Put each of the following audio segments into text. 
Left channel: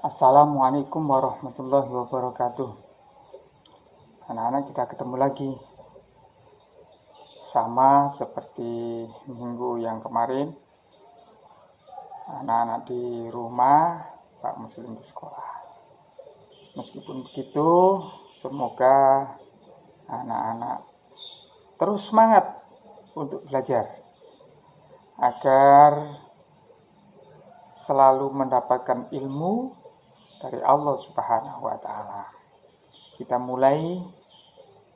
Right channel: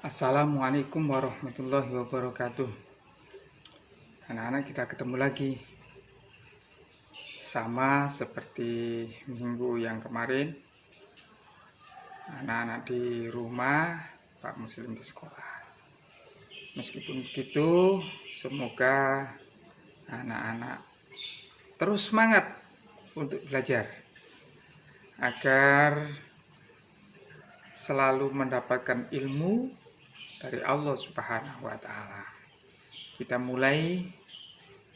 Assalamualaikum warahmatullahi wabarakatuh. Anak-anak, kita ketemu lagi. Sama seperti minggu yang kemarin, anak-anak di rumah, Pak Muslim di sekolah. Meskipun begitu, semoga anak-anak terus semangat untuk belajar agar selalu mendapatkan ilmu dari Allah Subhanahu wa Ta'ala. Kita mulai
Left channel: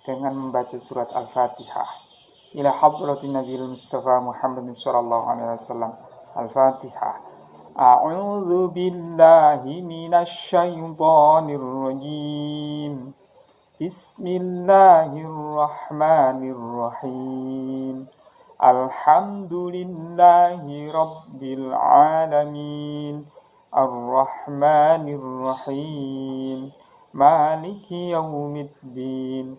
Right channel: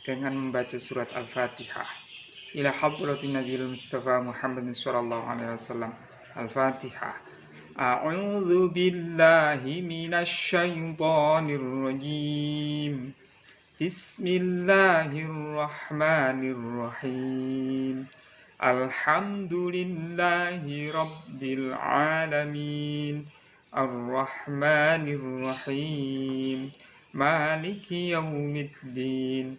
dengan membaca surat Al-Fatihah. Ila hadratin Nabiul Mustafa Muhammad sallallahu alaihi wasallam. Al-Fatihah. A'udzu billahi minasy syaithanir rajim. Bismillahirrahmanirrahim. Alhamdulillahi rabbil alamin. Ar-Rahmanir-Rahim. Maliki yaumiddin.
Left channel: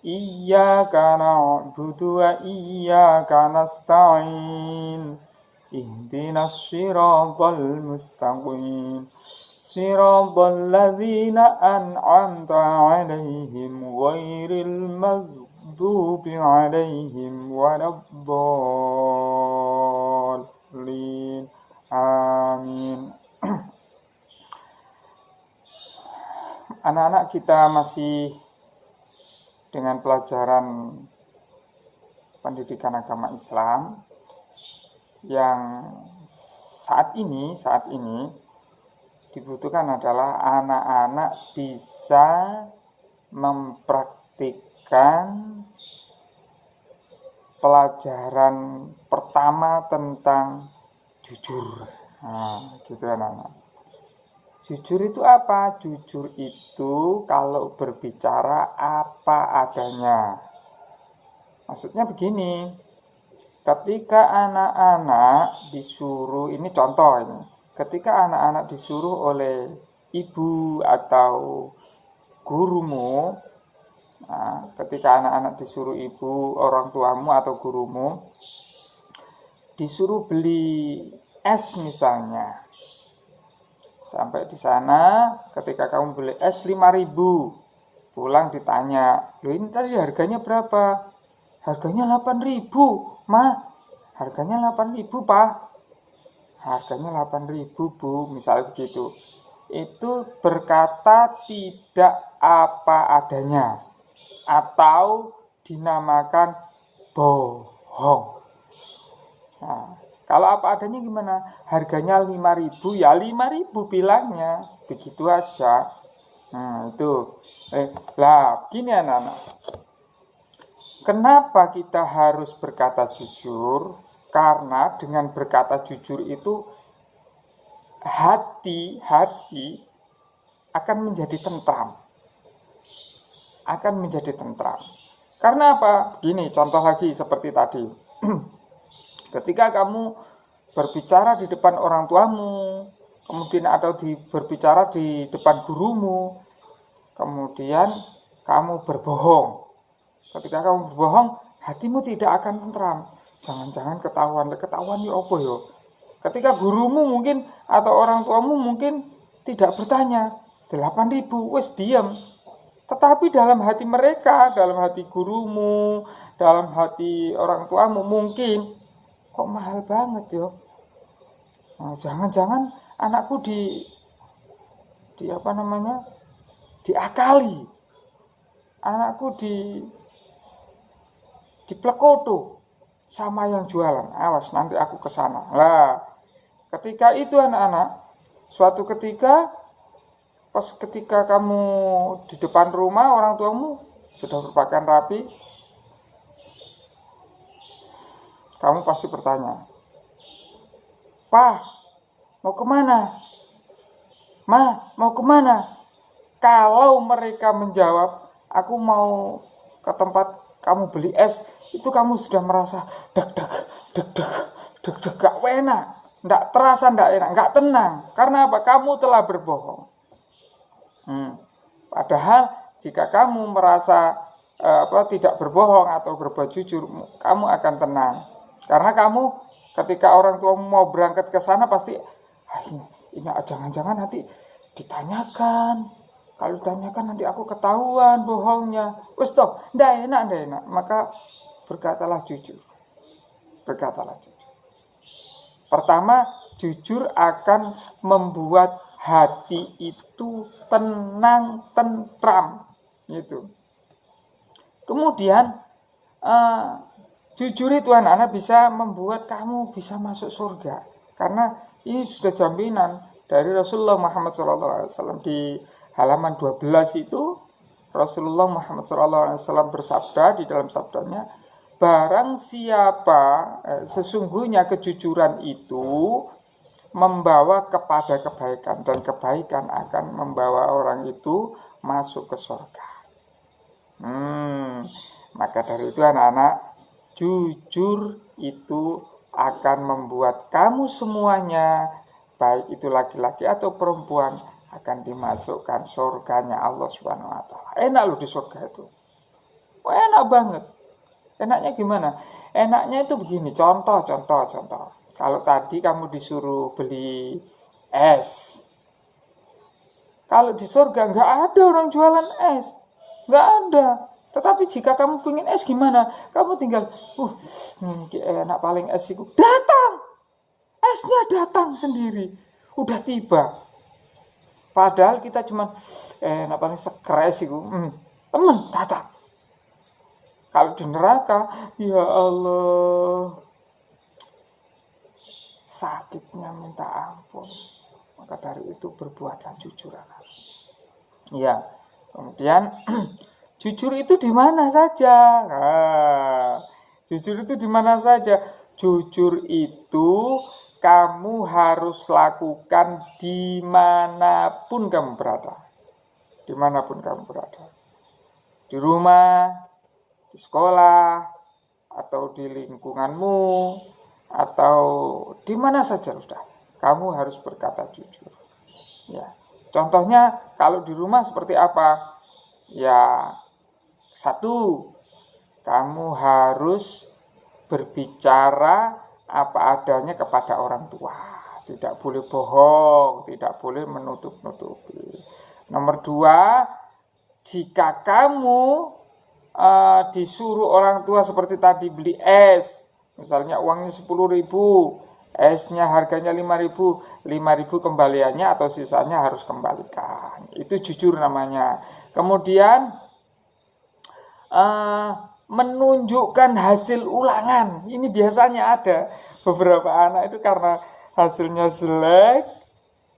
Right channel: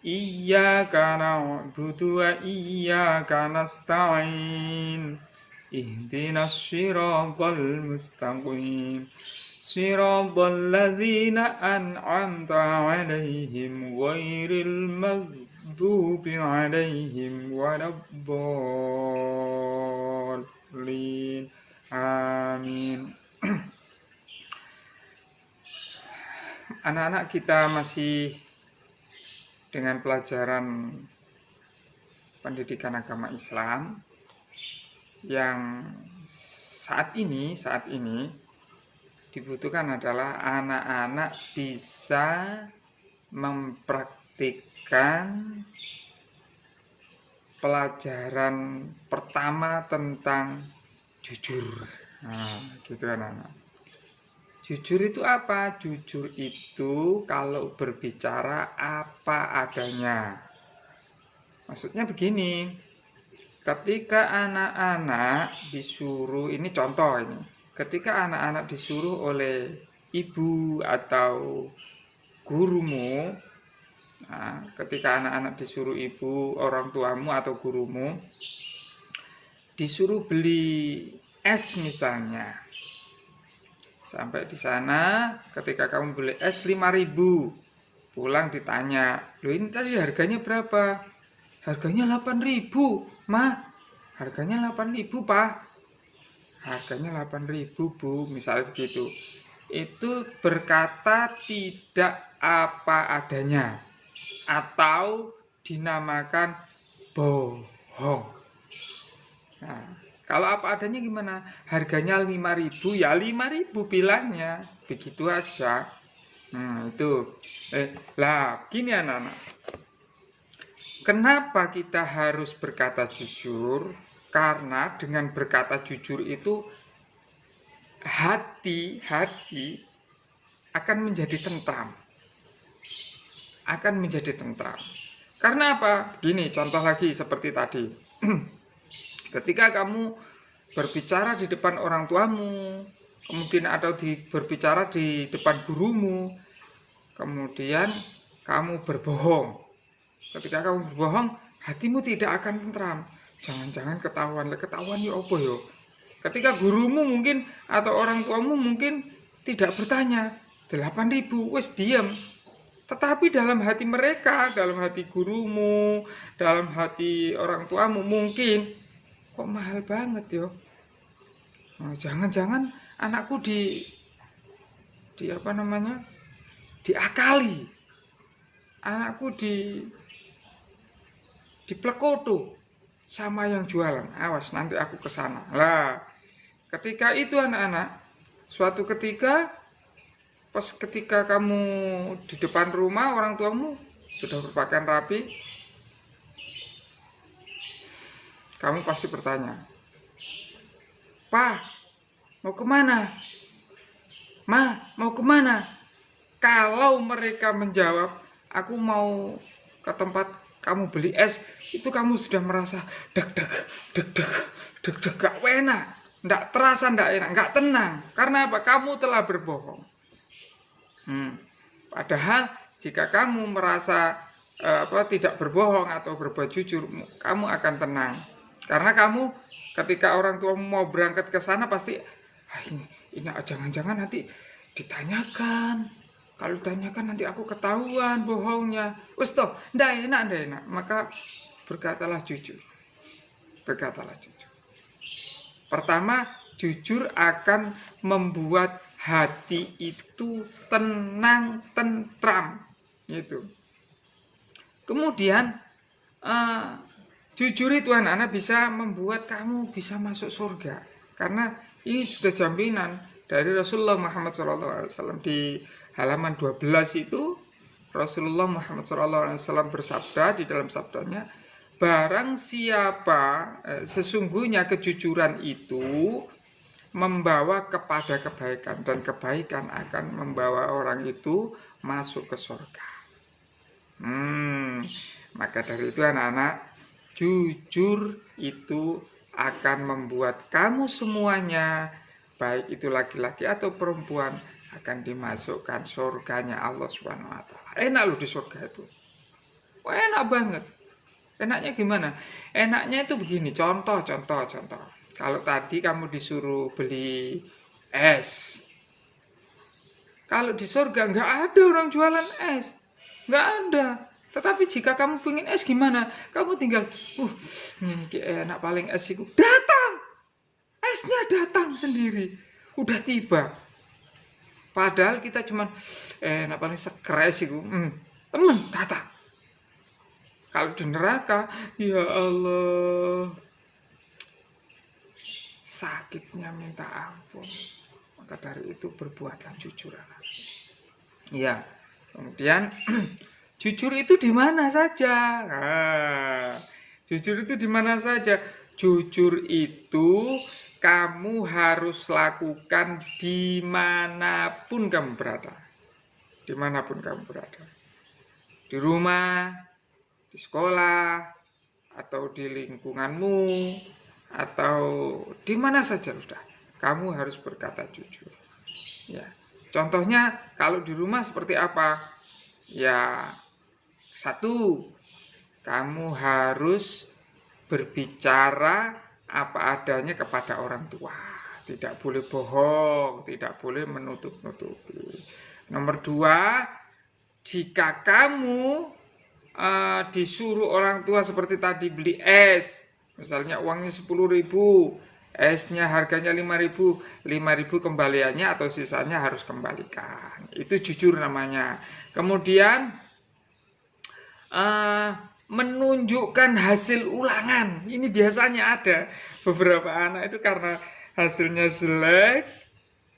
Iyyaka na'budu wa iyyaka nasta'in. Ihdinas siratal mustaqim. Siratal ladzina an'amta 'alaihim ghairil maghdubi 'alaihim waladdallin. Amin. Anak-anak, kita masih dengan pelajaran pendidikan agama Islam yang saat ini dibutuhkan adalah anak-anak bisa mempraktikkan pelajaran pertama tentang jujur. Gitu anak-anak. Jujur itu apa? Jujur itu kalau berbicara apa adanya. Maksudnya begini, ketika anak-anak disuruh, ini contoh ini, ketika anak-anak disuruh oleh ibu atau gurumu, ketika anak-anak disuruh ibu, orang tuamu atau gurumu, disuruh beli es misalnya. Sampai di sana, ketika kamu beli es 5.000, pulang ditanya, loh ini tadi harganya berapa? Harganya 8.000, Ma. Harganya 8.000, Pak. Harganya 8.000, Bu. Misalnya begitu. Itu berkata tidak apa adanya, atau dinamakan bohong. Nah, kalau apa adanya gimana? Harganya 5.000, ya 5.000 bilangnya. Begitu aja. Nah, itu. Gini anak-anak. Kenapa kita harus berkata jujur? Karena dengan berkata jujur itu hati akan menjadi tentram. Karena apa? Begini, contoh lagi seperti tadi. Ketika kamu berbicara di depan orang tuamu, kemudian atau berbicara di depan gurumu, kemudian kamu berbohong. Ketika kamu berbohong, hatimu tidak akan tentram. Jangan-jangan ketahuan ya apa ya? Ketika gurumu mungkin atau orang tuamu mungkin tidak bertanya, 8.000, wes diam. Tetapi dalam hati mereka, dalam hati gurumu, dalam hati orang tuamu mungkin, kok mahal banget ya? Nah, jangan-jangan anakku diakali. Anakku diplekoto sama yang jualan. Awas, nanti aku ke sana. Lah, ketika itu anak-anak, suatu ketika ketika kamu di depan rumah orang tuamu sudah berpakaian rapi, kamu pasti bertanya, "Pa, mau kemana? Ma, mau kemana?" Kalau mereka menjawab, "Aku mau ke tempat kamu beli es," itu kamu sudah merasa deg-deg, gak enak, gak terasa, gak enak, gak tenang. Karena apa? Kamu telah berbohong. Padahal jika kamu merasa tidak berbohong atau berbuat jujur, kamu akan tenang. Karena kamu ketika orang tua mau berangkat ke sana pasti ini jangan-jangan nanti ditanyakan. Kalau ditanyakan nanti aku ketahuan bohongnya. Wes stop, ndak enak. Maka berkatalah jujur. Berkatalah jujur. Pertama, jujur akan membuat hati itu tenang, tentram. Gitu. Kemudian jujur itu anak-anak bisa membuat kamu bisa masuk surga. Karena ini sudah jaminan dari Rasulullah Muhammad SAW. Di halaman 12 itu Rasulullah Muhammad SAW bersabda di dalam sabdanya, barang siapa sesungguhnya kejujuran itu membawa kepada kebaikan, dan kebaikan akan membawa orang itu masuk ke surga. Maka dari itu anak-anak, jujur itu akan membuat kamu semuanya, baik itu laki-laki atau perempuan, akan dimasukkan surganya Allah Subhanahu wa taala. Enak loh di surga itu. Enak banget. Enaknya gimana? Enaknya itu begini, contoh. Kalau tadi kamu disuruh beli es. Kalau di surga nggak ada orang jualan es. Nggak ada. Tetapi jika kamu pengen es gimana? Kamu tinggal, ini enak paling es itu. Datang! Esnya datang sendiri. Udah tiba. Padahal kita cuma, enak paling seger es itu. Temen, datang. Kalau di neraka, ya Allah, sakitnya minta ampun. Maka dari itu berbuatlah jujur. Ya, kemudian jujur itu di mana saja? Jujur itu di mana saja? Jujur itu kamu harus lakukan dimanapun kamu berada. Dimanapun kamu berada. Di rumah, di sekolah, atau di lingkunganmu, atau di mana saja sudah. Kamu harus berkata jujur. Ya. Contohnya kalau di rumah seperti apa? Ya, satu, kamu harus berbicara apa adanya kepada orang tua. Tidak boleh bohong, tidak boleh menutup-nutupi. Nomor dua, jika kamu disuruh orang tua seperti tadi beli es, misalnya uangnya 10.000, esnya harganya 5.000 kembaliannya atau sisanya harus kembalikan. Itu jujur namanya. Kemudian menunjukkan hasil ulangan. Ini biasanya ada beberapa anak itu karena hasilnya jelek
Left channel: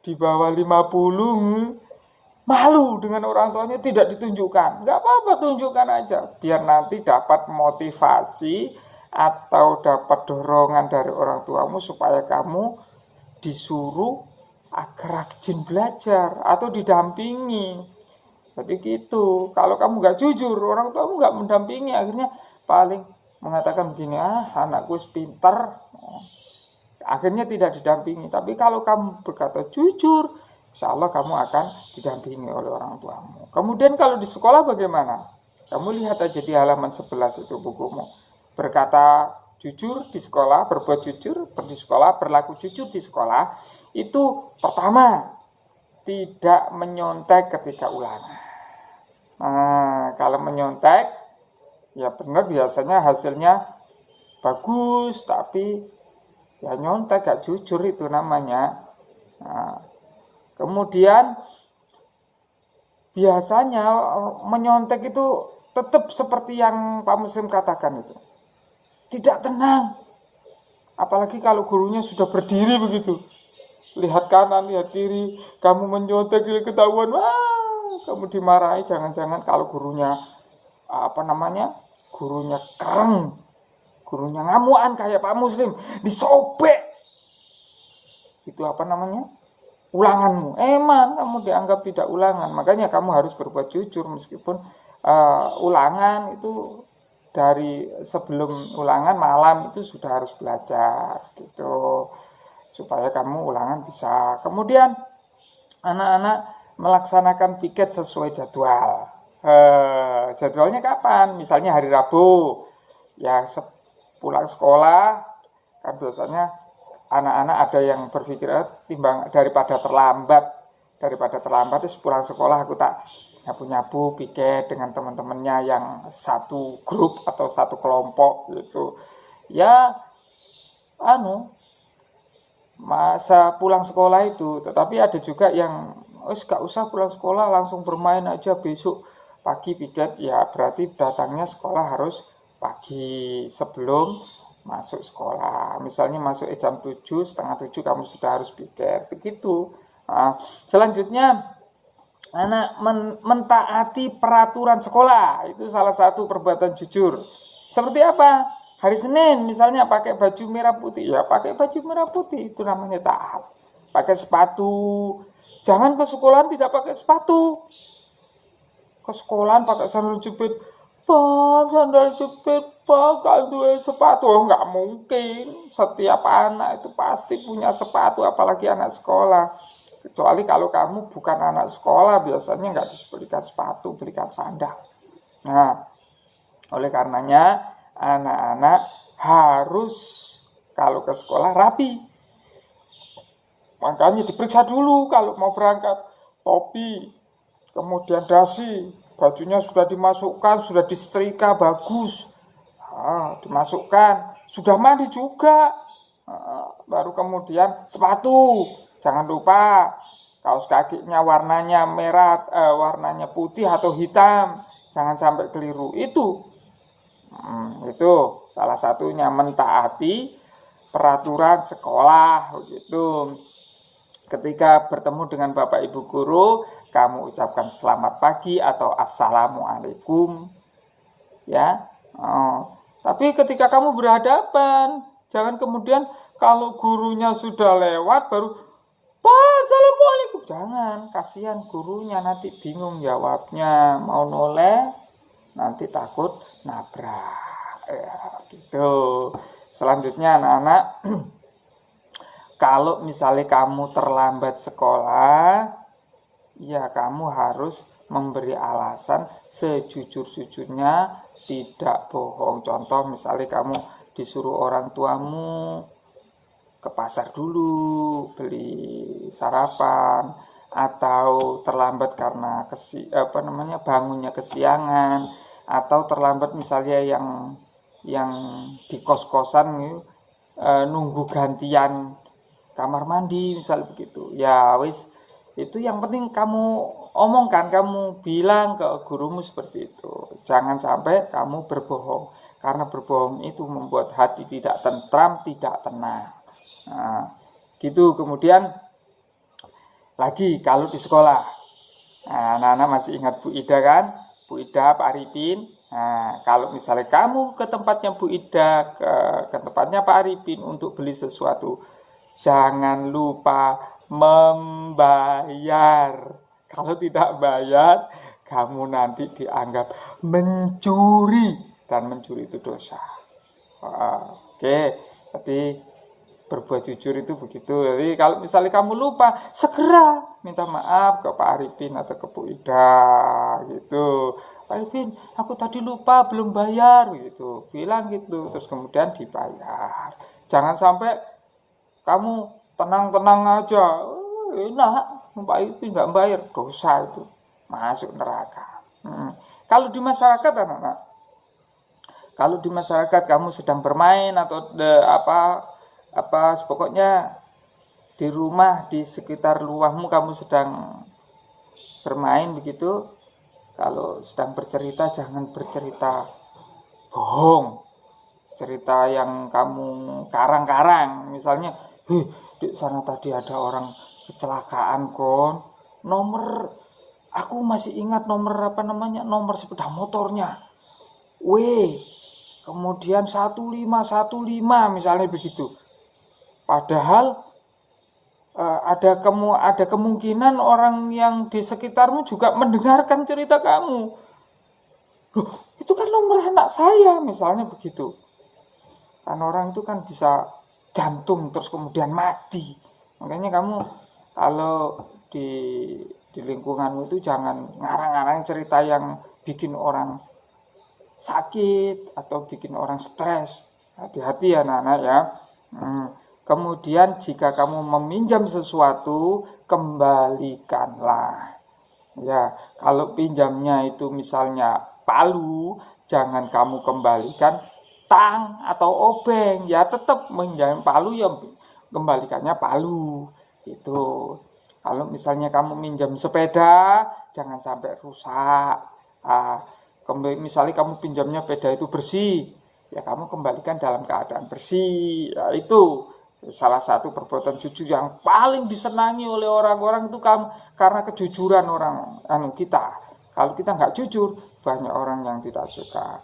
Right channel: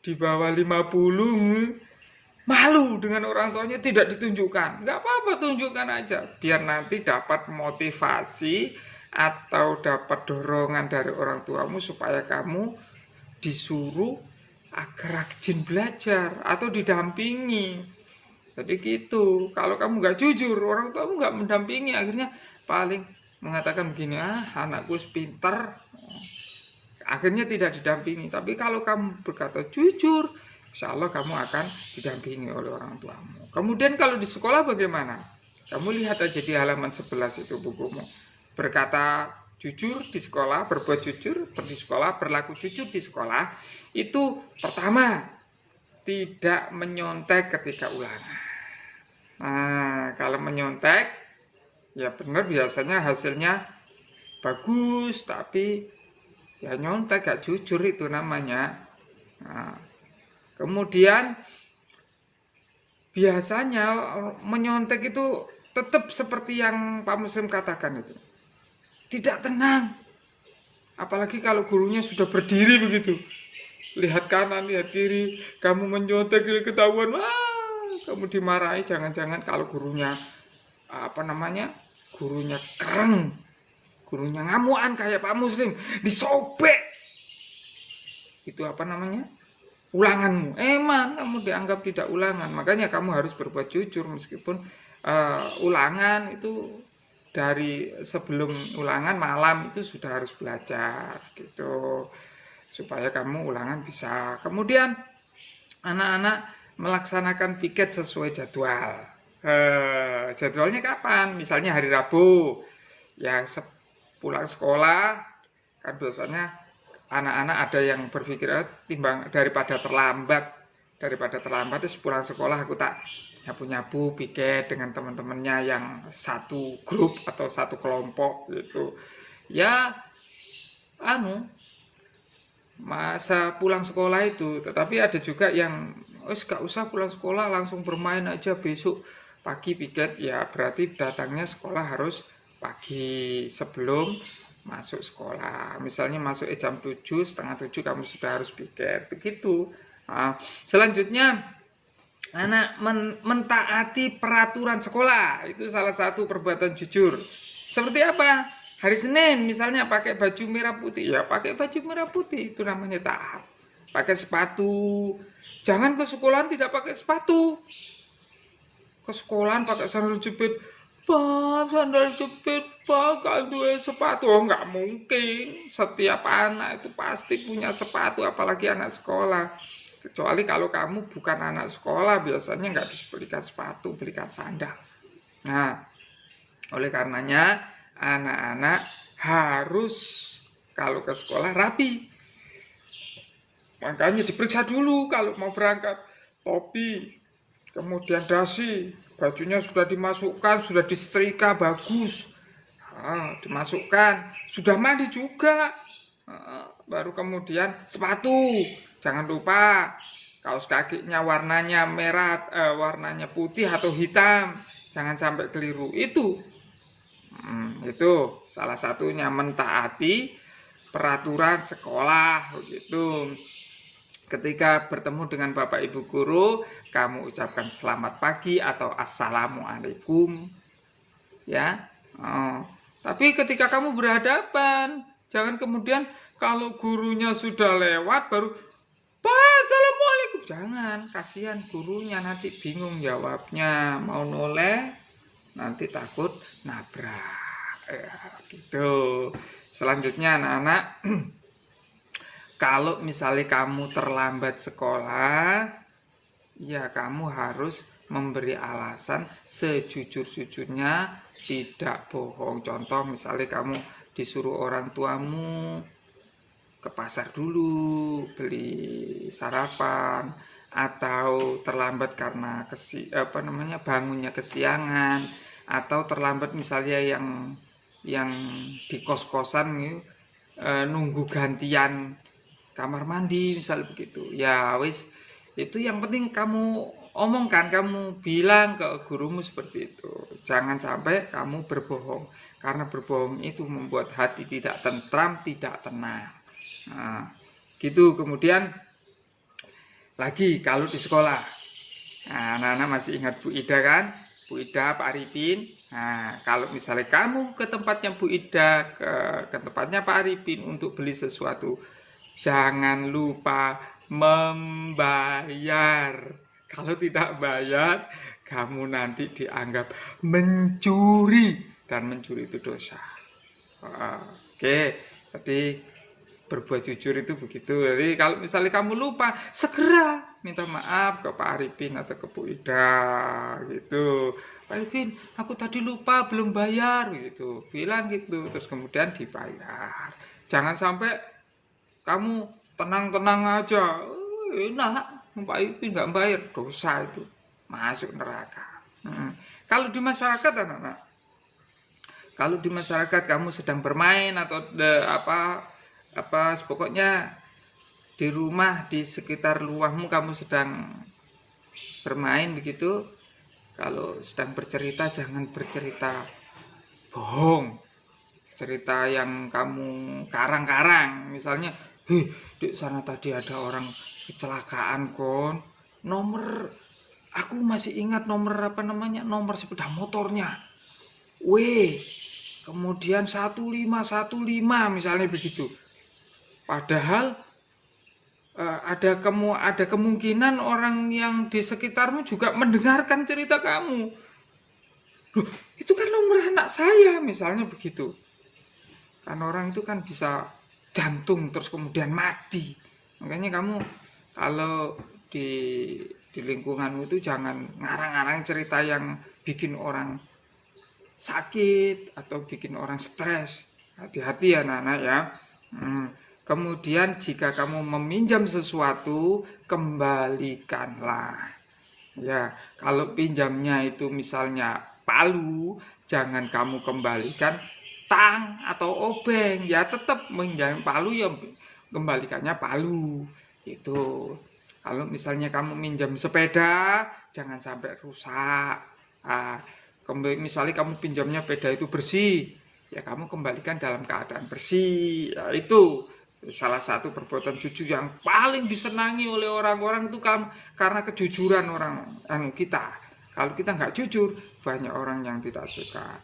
di bawah 50, malu dengan orang tuanya, tidak ditunjukkan. Nggak apa-apa, tunjukkan aja biar nanti dapat motivasi atau dapat dorongan dari orang tuamu supaya kamu disuruh agar rajin belajar atau didampingi. Jadi gitu. Kalau kamu nggak jujur, orang tuamu nggak mendampingi, akhirnya paling mengatakan begini, anakku pintar, akhirnya tidak didampingi. Tapi kalau kamu berkata jujur, insya Allah kamu akan didampingi oleh orang tuamu. Kemudian kalau di sekolah bagaimana? Kamu lihat aja di halaman 11 itu bukumu. Berkata jujur di sekolah, berbuat jujur di sekolah, berlaku jujur di sekolah. Itu pertama, tidak menyontek ketika ulangan. Nah, kalau menyontek, ya benar biasanya hasilnya bagus, tapi ya nyontek, gak jujur itu namanya. Nah, kemudian biasanya menyontek itu tetap seperti yang Pak Muslim katakan itu. Tidak tenang. Apalagi kalau gurunya sudah berdiri begitu. Lihat kanan, lihat kiri, kamu menyontek, ketahuan, kamu dimarahi. Jangan-jangan kalau gurunya gurunya kereng, gurunya ngamuan kayak Pak Muslim, disobek. Itu ulanganmu. Kamu dianggap tidak ulangan. Makanya kamu harus berbuat jujur meskipun ulangan itu dari sebelum ulangan malam itu sudah harus belajar gitu, supaya kamu ulangan bisa. Kemudian anak-anak melaksanakan piket sesuai jadwal. Jadwalnya kapan? Misalnya hari Rabu, ya pulang sekolah kan biasanya anak-anak ada yang berpikir timbang daripada terlambat daripada terlambat terus pulang sekolah aku tak nyapu-nyapu piket dengan teman-temannya yang satu grup atau satu kelompok gitu. Ya masa pulang sekolah itu. Tetapi ada juga yang gak usah pulang sekolah, langsung bermain aja, besok pagi piket. Ya berarti datangnya sekolah harus pagi sebelum masuk sekolah. Misalnya masuk jam 7, setengah 7 kamu sudah harus piket. Begitu. Selanjutnya anak mentaati peraturan sekolah. Itu salah satu perbuatan jujur. Seperti apa? Hari Senin misalnya pakai baju merah putih. Ya pakai baju merah putih. Itu namanya taat. Pakai sepatu. Jangan ke sekolahan tidak pakai sepatu. Ke sekolahan pakai sandal jepit. Pak, sandal jepit, Pak, gak ada sepatu. Oh, nggak mungkin. Setiap anak itu pasti punya sepatu, apalagi anak sekolah. Kecuali kalau kamu bukan anak sekolah, biasanya nggak dibelikan sepatu, belikan sandal. Nah, oleh karenanya anak-anak harus kalau ke sekolah rapi. Makanya diperiksa dulu kalau mau berangkat. Topi, kemudian dasi, bajunya sudah dimasukkan, sudah disetrika bagus, dimasukkan, sudah mandi juga, baru kemudian sepatu, jangan lupa kaos kakinya warnanya merah, warnanya putih atau hitam, jangan sampai keliru. Itu salah satunya mentaati peraturan sekolah begitu. Ketika bertemu dengan Bapak Ibu guru, kamu ucapkan selamat pagi atau assalamualaikum. Ya. Tapi ketika kamu berhadapan, jangan kemudian kalau gurunya sudah lewat baru Pak, assalamualaikum. Jangan, kasihan gurunya nanti bingung jawabnya, mau noleh nanti takut nabrak. Ya, gitu. Selanjutnya anak-anak kalau misalnya kamu terlambat sekolah, ya kamu harus memberi alasan sejujur-jujurnya, tidak bohong. Contoh misalnya kamu disuruh orang tuamu ke pasar dulu, beli sarapan, atau terlambat karena bangunnya kesiangan, atau terlambat misalnya yang di kos-kosan nunggu gantian kamar mandi misalnya begitu. Ya wis, itu yang penting kamu omongkan, kamu bilang ke gurumu seperti itu. Jangan sampai kamu berbohong, karena berbohong itu membuat hati tidak tentram, tidak tenang. Nah, gitu. Kemudian lagi kalau di sekolah, anak-anak masih ingat Bu Ida kan? Bu Ida, Pak Arifin. Nah, kalau misalnya kamu ke tempatnya Bu Ida, ke tempatnya Pak Arifin untuk beli sesuatu, jangan lupa membayar. Kalau tidak bayar, kamu nanti dianggap mencuri, dan mencuri itu dosa. Oke, jadi berbuat jujur itu begitu. Jadi kalau misalnya kamu lupa, segera minta maaf ke Pak Arifin atau ke Bu Ida gitu. Pak Arifin, aku tadi lupa belum bayar gitu. Bilang gitu, terus kemudian dibayar. Jangan sampai kamu tenang-tenang aja, enak, Pak Ipin nggak bayar, dosa itu, masuk neraka. Kalau di masyarakat anak-anak, kalau di masyarakat kamu sedang bermain atau pokoknya di rumah, di sekitar rumahmu kamu sedang bermain begitu, kalau sedang bercerita jangan bercerita bohong, cerita yang kamu karang-karang. Misalnya, di sana tadi ada orang kecelakaan kon, nomor aku masih ingat nomor nomor sepeda motornya kemudian 1515 misalnya begitu. Padahal ada kemungkinan orang yang di sekitarmu juga mendengarkan cerita kamu. Loh, itu kan nomor anak saya misalnya begitu. Kan orang itu kan bisa jantung terus kemudian mati. Makanya kamu kalau di lingkunganmu itu jangan ngarang-ngarang cerita yang bikin orang sakit atau bikin orang stres. Hati-hati ya anak-anak ya. Kemudian jika kamu meminjam sesuatu, kembalikanlah. Ya, kalau pinjamnya itu misalnya palu, jangan kamu kembalikan tang atau obeng. Ya tetap minjam palu, ya kembalikannya palu. Itu. Kalau misalnya kamu minjam sepeda, jangan sampai rusak. Misalnya kamu pinjamnya sepeda itu bersih, ya kamu kembalikan dalam keadaan bersih. Ya, itu salah satu perbuatan jujur yang paling disenangi oleh orang-orang itu karena kejujuran orang kita. Kalau kita nggak jujur, banyak orang yang tidak suka.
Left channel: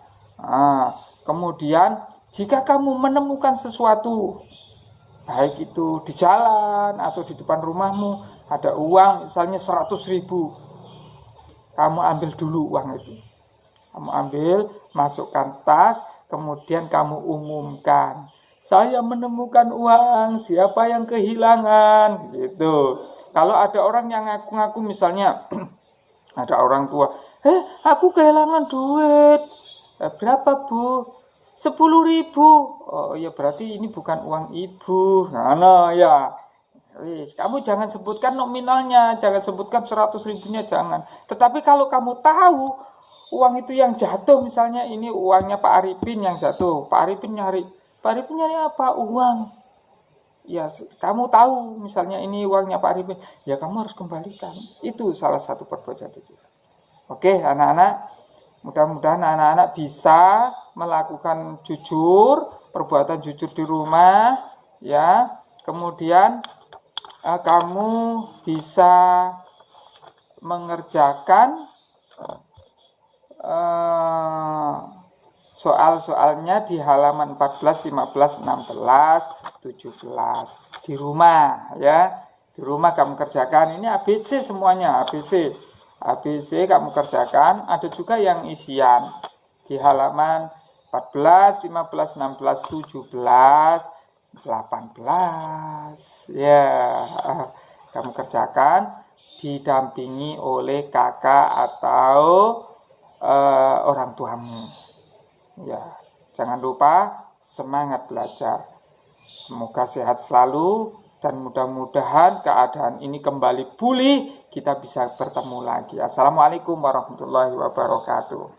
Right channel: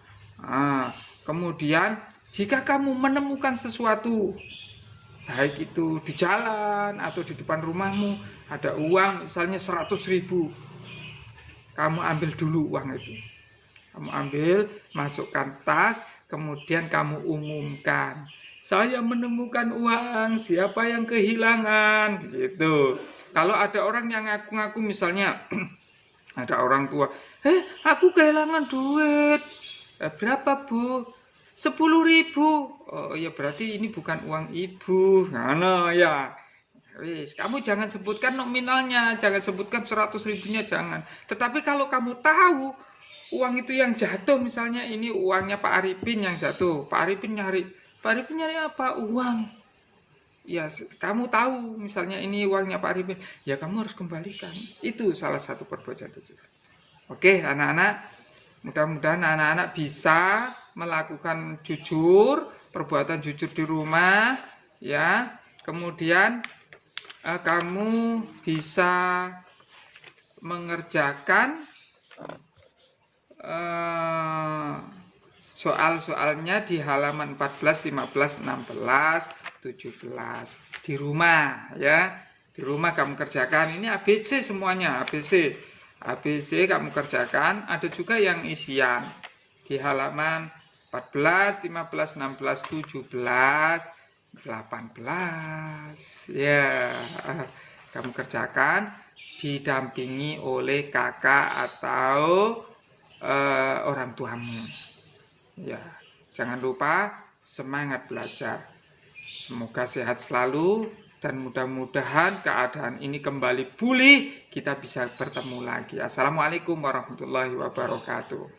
Kemudian jika kamu menemukan sesuatu, baik itu di jalan atau di depan rumahmu, ada uang misalnya 100.000, kamu ambil dulu uang itu. Kamu ambil, masukkan tas, kemudian kamu umumkan, saya menemukan uang, siapa yang kehilangan, gitu. Kalau ada orang yang ngaku-ngaku misalnya, ada orang tua, aku kehilangan duit, berapa bu? 10.000. Oh ya, berarti ini bukan uang ibu. Nah ya, kamu jangan sebutkan nominalnya, jangan sebutkan 100.000-nya, jangan. Tetapi kalau kamu tahu uang itu yang jatuh, misalnya ini uangnya Pak Arifin yang jatuh, Pak Arifin nyari apa? Uang. Ya, kamu tahu misalnya ini uangnya Pak Arifin, ya kamu harus kembalikan. Itu salah satu perbuatan jujur. Oke, anak-anak, mudah-mudahan anak-anak bisa melakukan jujur, perbuatan jujur di rumah, ya. Kemudian kamu bisa mengerjakan soal-soalnya di halaman 14, 15, 16, 17 di rumah, ya. Di rumah kamu kerjakan. Ini ABC semuanya, ABC kamu kerjakan. Ada juga yang isian di halaman 14, 15, 16, 17, 18. Ya, kamu kerjakan didampingi oleh kakak atau orang tuamu. Ya, jangan lupa semangat belajar. Semoga sehat selalu dan mudah-mudahan keadaan ini kembali pulih, kita bisa bertemu lagi. Assalamualaikum warahmatullahi wabarakatuh.